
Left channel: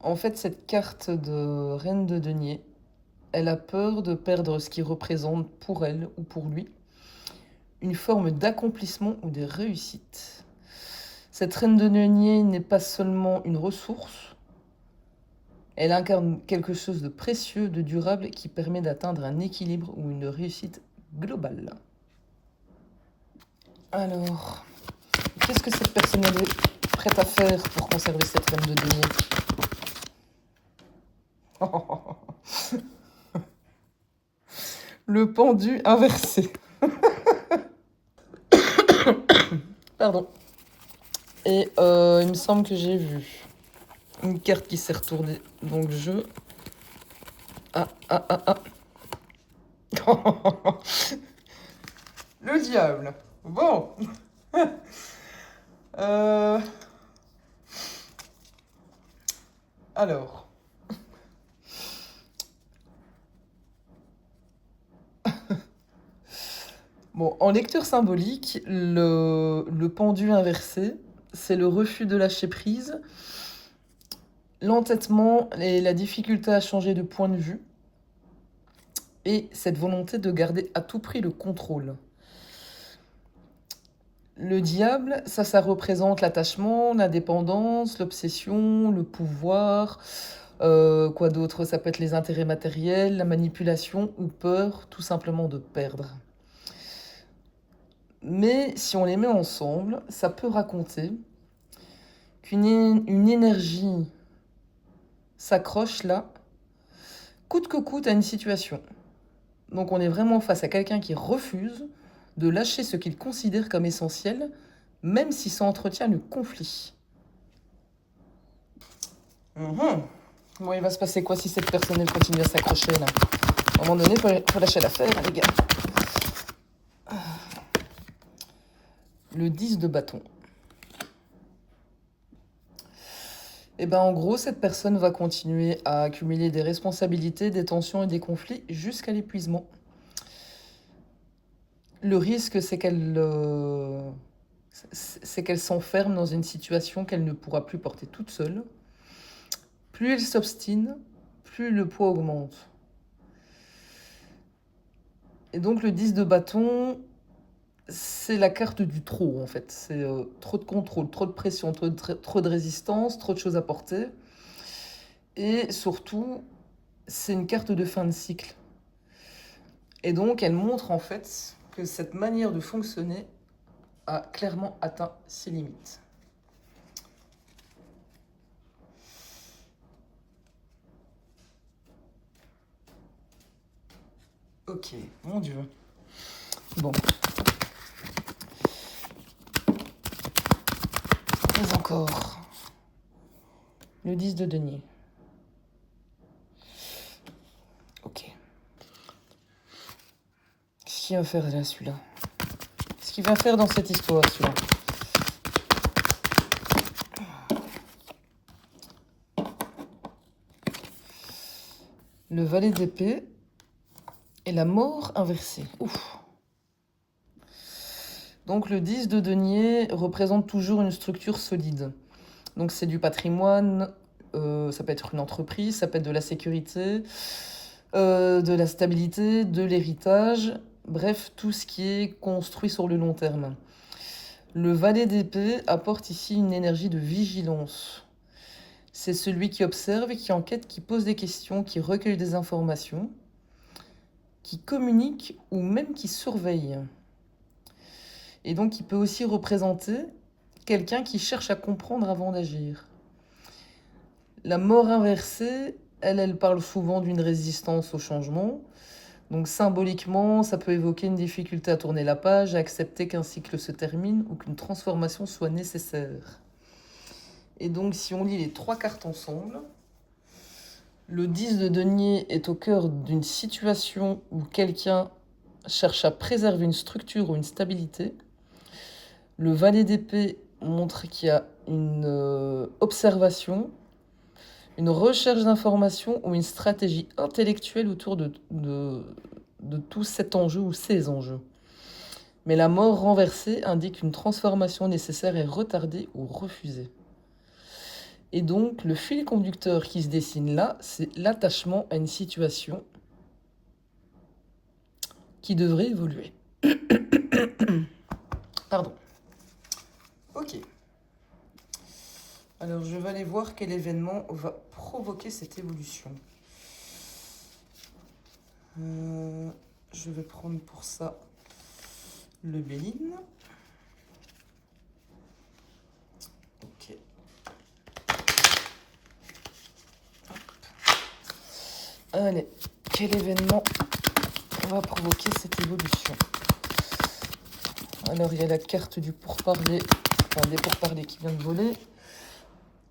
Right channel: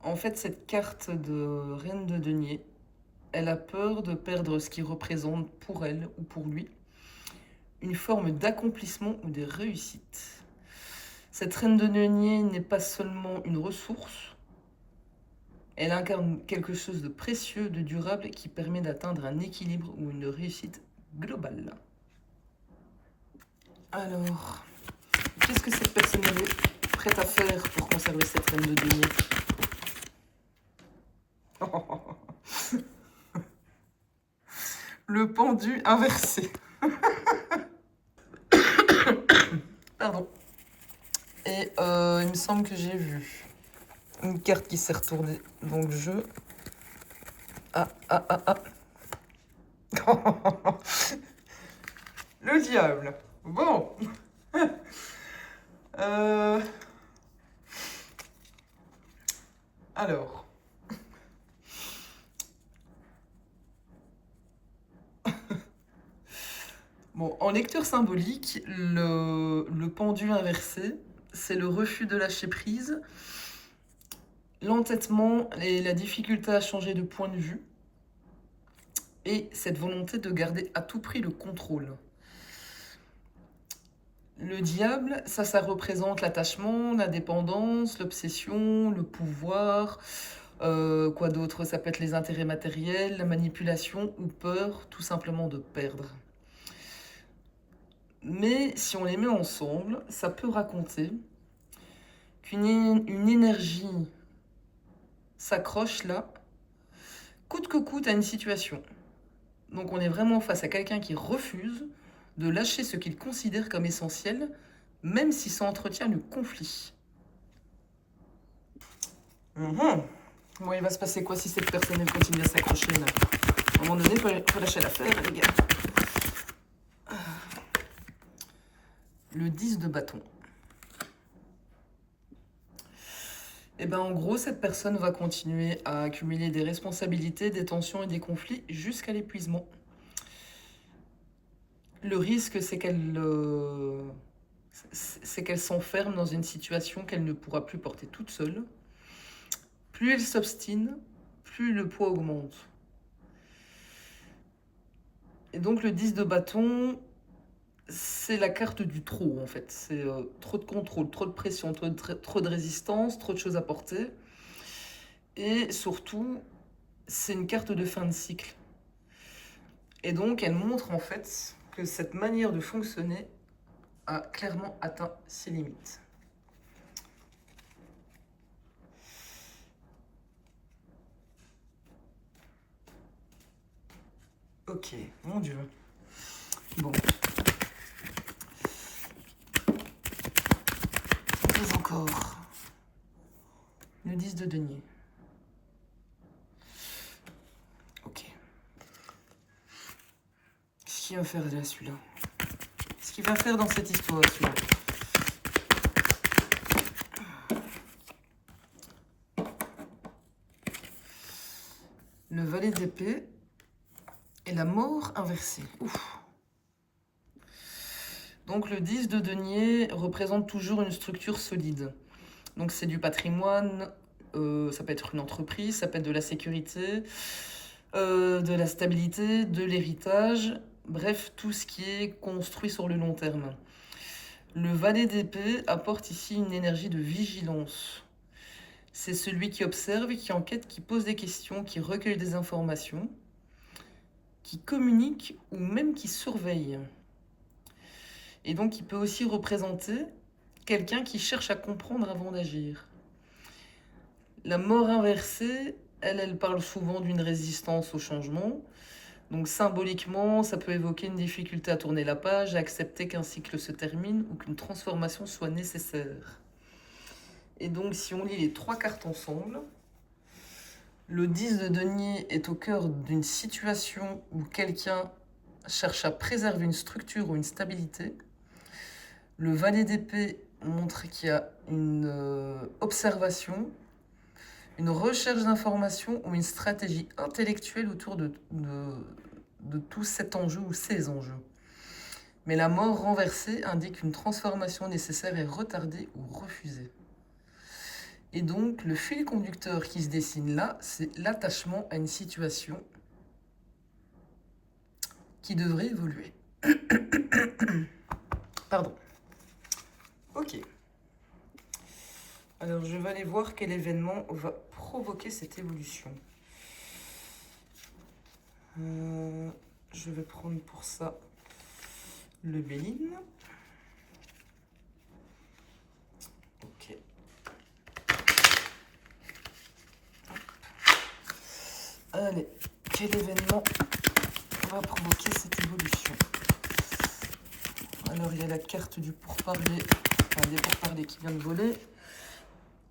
En fait, cette carte de reine de denier, elle a peur de perdre ce qui représente pour elle ou pour lui une forme d'accomplissement ou de réussite. Cette reine de denier n'est pas seulement une ressource, elle incarne quelque chose de précieux, de durable qui permet d'atteindre un équilibre ou une réussite globale. Alors, qu'est-ce que cette personne est prête à faire pour conserver cette reine de denier? Le pendu inversé. Pardon. Et il me semble que j'ai vu une carte qui s'est retournée dans le jeu. Ah. Le diable. Bon. Alors. Bon, en lecture symbolique, le pendule inversé, c'est le refus de lâcher prise, l'entêtement et la difficulté à changer de point de vue, et cette volonté de garder à tout prix le contrôle. Le diable, ça représente l'attachement, la dépendance, l'obsession, le pouvoir, quoi d'autre? Ça peut être les intérêts matériels, la manipulation ou peur tout simplement de perdre. Mais si on les met ensemble, ça peut raconter qu'une énergie s'accroche là, coûte que coûte à une situation. Donc on est vraiment face à quelqu'un qui refuse de lâcher ce qu'il considère comme essentiel, même si ça entretient le conflit. Bon, il va se passer quoi si cette personne elle continue à s'accrocher là? À un moment donné, il faut lâcher l'affaire, les gars. Le 10 de bâton. Et ben en gros, cette personne va continuer à accumuler des responsabilités, des tensions et des conflits jusqu'à l'épuisement. Le risque, c'est qu'elle s'enferme dans une situation qu'elle ne pourra plus porter toute seule. Plus elle s'obstine, plus le poids augmente. Et donc le 10 de bâton, c'est la carte du trop en fait. C'est trop de contrôle, trop de pression, trop de résistance, trop de choses à porter. Et surtout, c'est une carte de fin de cycle. Et donc elle montre en fait que cette manière de fonctionner a clairement atteint ses limites. Ok, mon Dieu. Bon. Mais encore. Le 10 de denier. Ok. Qu'est-ce qu'il va faire là, celui-là? Qu'est-ce qu'il va faire dans cette histoire, celui-là? Le valet d'épée et la mort inversée. Ouf. Donc le 10 de denier représente toujours une structure solide. Donc c'est du patrimoine, ça peut être une entreprise, ça peut être de la sécurité, de la stabilité, de l'héritage, bref, tout ce qui est construit sur le long terme. Le valet d'épée apporte ici une énergie de vigilance. C'est celui qui observe, qui enquête, qui pose des questions, qui recueille des informations, qui communique ou même qui surveille. Et donc il peut aussi représenter quelqu'un qui cherche à comprendre avant d'agir. La mort inversée, elle parle souvent d'une résistance au changement. Donc symboliquement, ça peut évoquer une difficulté à tourner la page, à accepter qu'un cycle se termine ou qu'une transformation soit nécessaire. Et donc si on lit les trois cartes ensemble, le 10 de denier est au cœur d'une situation où quelqu'un cherche à préserver une structure ou une stabilité. Le valet d'épée montre qu'il y a une observation, une recherche d'information ou une stratégie intellectuelle autour de tout cet enjeu ou ces enjeux. Mais la mort renversée indique une transformation nécessaire est retardée ou refusée. Et donc, le fil conducteur qui se dessine là, c'est l'attachement à une situation qui devrait évoluer. Pardon. Ok. Alors, je vais aller voir quel événement va provoquer cette évolution. Je vais prendre pour ça le Béline. Ok. Hop. Allez, quel événement va provoquer cette évolution? Alors, il y a la carte du pourparler, enfin, des pourparlers qui vient de voler.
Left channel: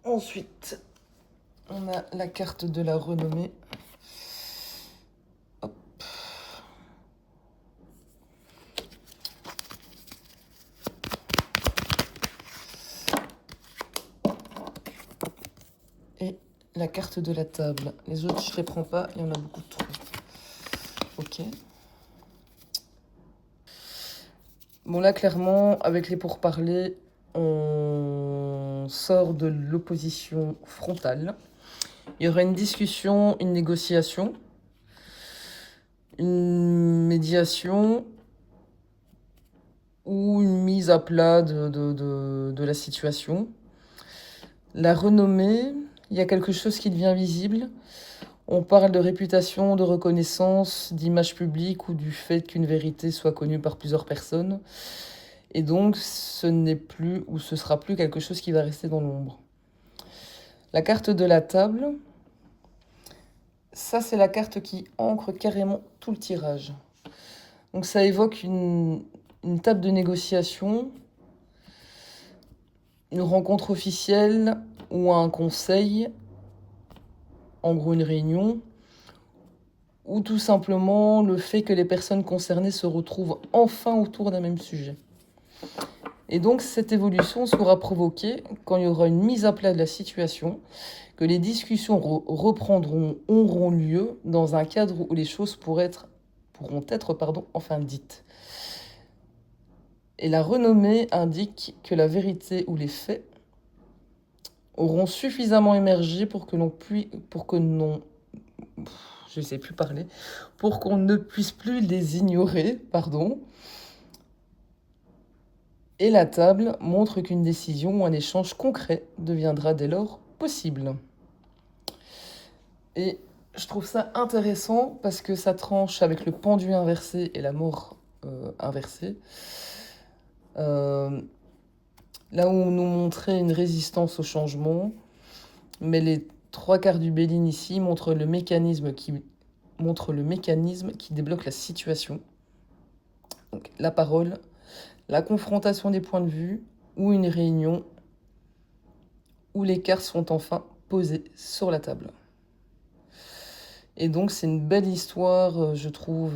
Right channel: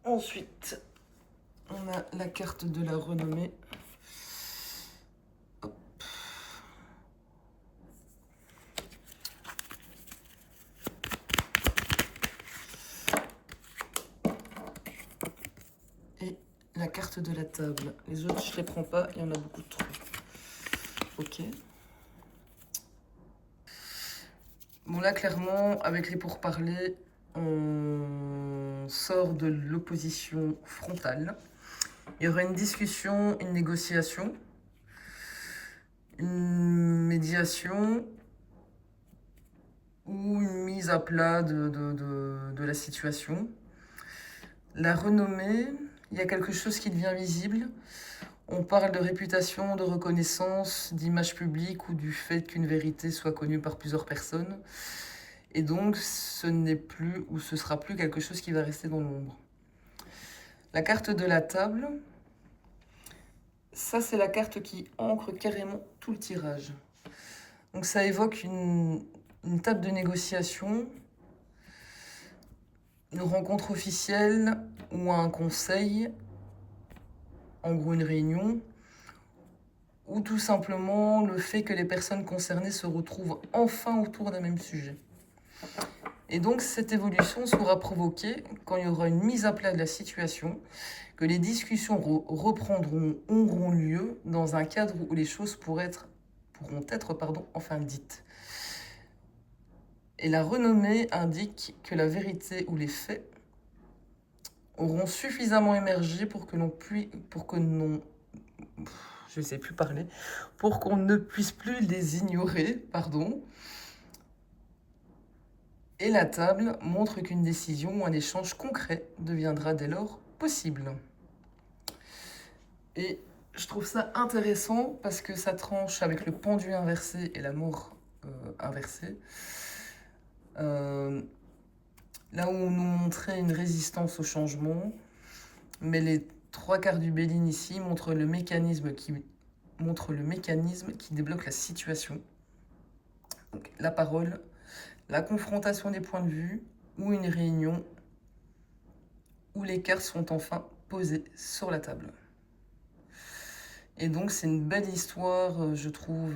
Ensuite, on a la carte de la renommée. Hop. Et la carte de la table. Les autres, je ne les prends pas, il y en a beaucoup trop. Ok. Bon, là, clairement, avec les pourparlers, on sort de l'opposition frontale. Il y aura une discussion, une négociation, une médiation ou une mise à plat de la situation. La renommée, il y a quelque chose qui devient visible. On parle de réputation, de reconnaissance, d'image publique ou du fait qu'une vérité soit connue par plusieurs personnes. Et donc, ce n'est plus ou ce sera plus quelque chose qui va rester dans l'ombre. La carte de la table, ça c'est la carte qui ancre carrément tout le tirage. Donc ça évoque une une table de négociation, une rencontre officielle ou un conseil, en gros une réunion, ou tout simplement le fait que les personnes concernées se retrouvent enfin autour d'un même sujet. Et donc cette évolution sera provoquée quand il y aura une mise à plat de la situation, que les discussions auront lieu dans un cadre où les choses pourront être enfin dites. Et la renommée indique que la vérité ou les faits auront suffisamment émergé pour qu'on ne puisse plus les ignorer, Et la table montre qu'une décision ou un échange concret deviendra dès lors possible. Et je trouve ça intéressant parce que ça tranche avec le pendu inversé et la mort inversée. Là où on nous montrait une résistance au changement, mais les 3/4 du Béline ici montrent le mécanisme qui débloque la situation. Donc, la parole, la confrontation des points de vue ou une réunion où les cartes sont enfin posées sur la table. Et donc c'est une belle histoire, je trouve,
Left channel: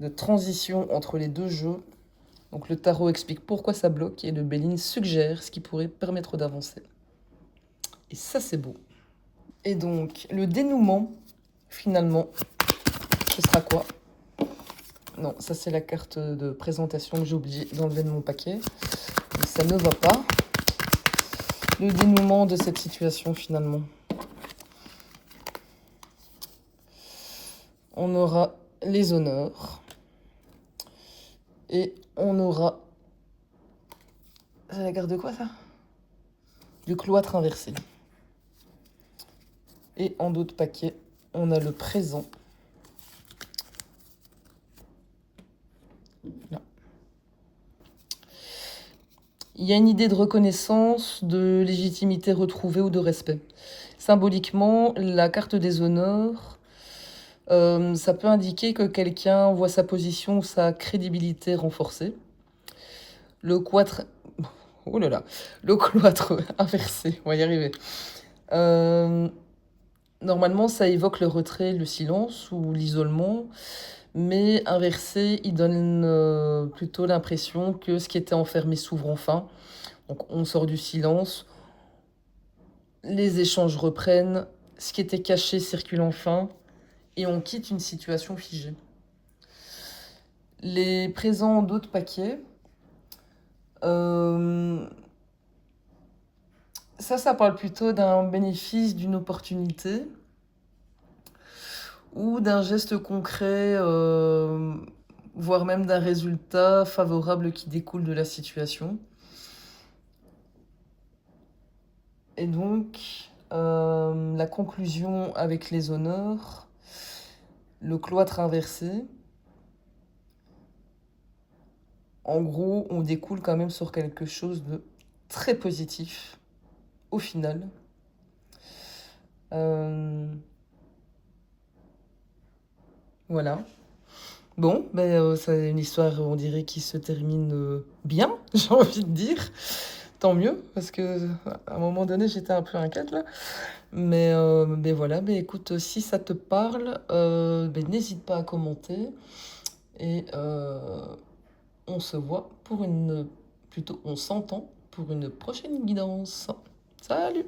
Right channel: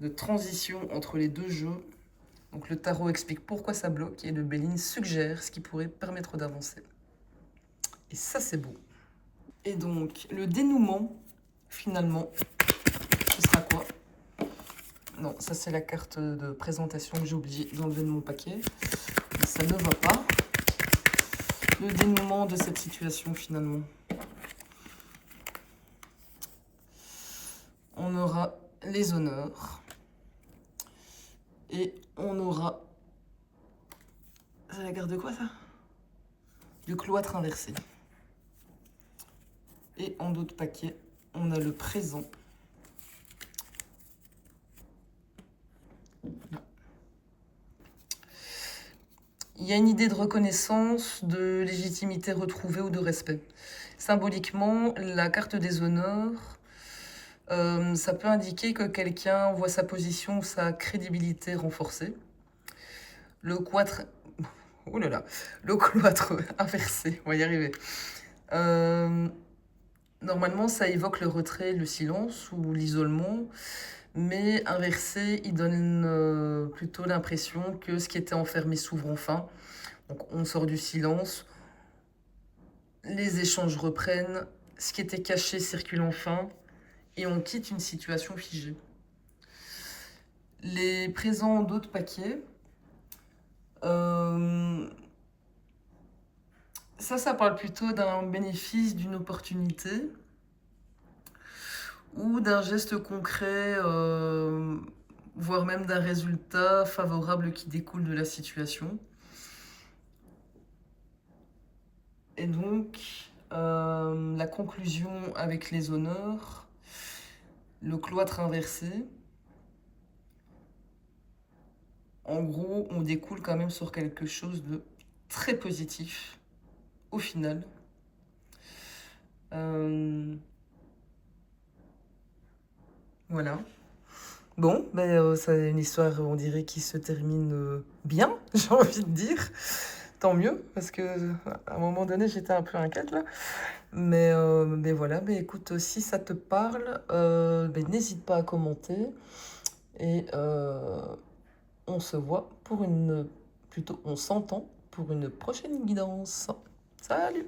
de transition entre les deux jeux. Donc le tarot explique pourquoi ça bloque et le Béline suggère ce qui pourrait permettre d'avancer. Et ça c'est beau. Et donc le dénouement, finalement, ce sera quoi? Non, ça c'est la carte de présentation que j'ai oublié d'enlever de mon paquet. Et ça ne va pas. Le dénouement de cette situation finalement. On aura les honneurs. Et on aura... C'est la carte de quoi ça? Le cloître inversé. Et en d'autres paquets, on a le présent. Là. Il y a une idée de reconnaissance, de légitimité retrouvée ou de respect. Symboliquement, la carte des honneurs, ça peut indiquer que quelqu'un voit sa position ou sa crédibilité renforcée. Le cloître... Oh là là, le cloître inversé, on va y arriver. Normalement, ça évoque le retrait, le silence ou l'isolement, mais inversé, il donne plutôt l'impression que ce qui était enfermé s'ouvre enfin. Donc on sort du silence, les échanges reprennent, ce qui était caché circule enfin, et on quitte une situation figée. Les présents d'autres paquets, ça parle plutôt d'un bénéfice, d'une opportunité, ou d'un geste concret, voire même d'un résultat favorable qui découle de la situation. Et donc, la conclusion avec les honneurs, le cloître inversé. En gros, on découle quand même sur quelque chose de très positif, au final. Voilà. Bon, c'est une histoire, on dirait, qui se termine bien, j'ai envie de dire. Tant mieux, parce que à un moment donné, j'étais un peu inquiète là. Mais voilà, écoute, si ça te parle, n'hésite pas à commenter. Et on se voit on s'entend pour une prochaine guidance. Salut!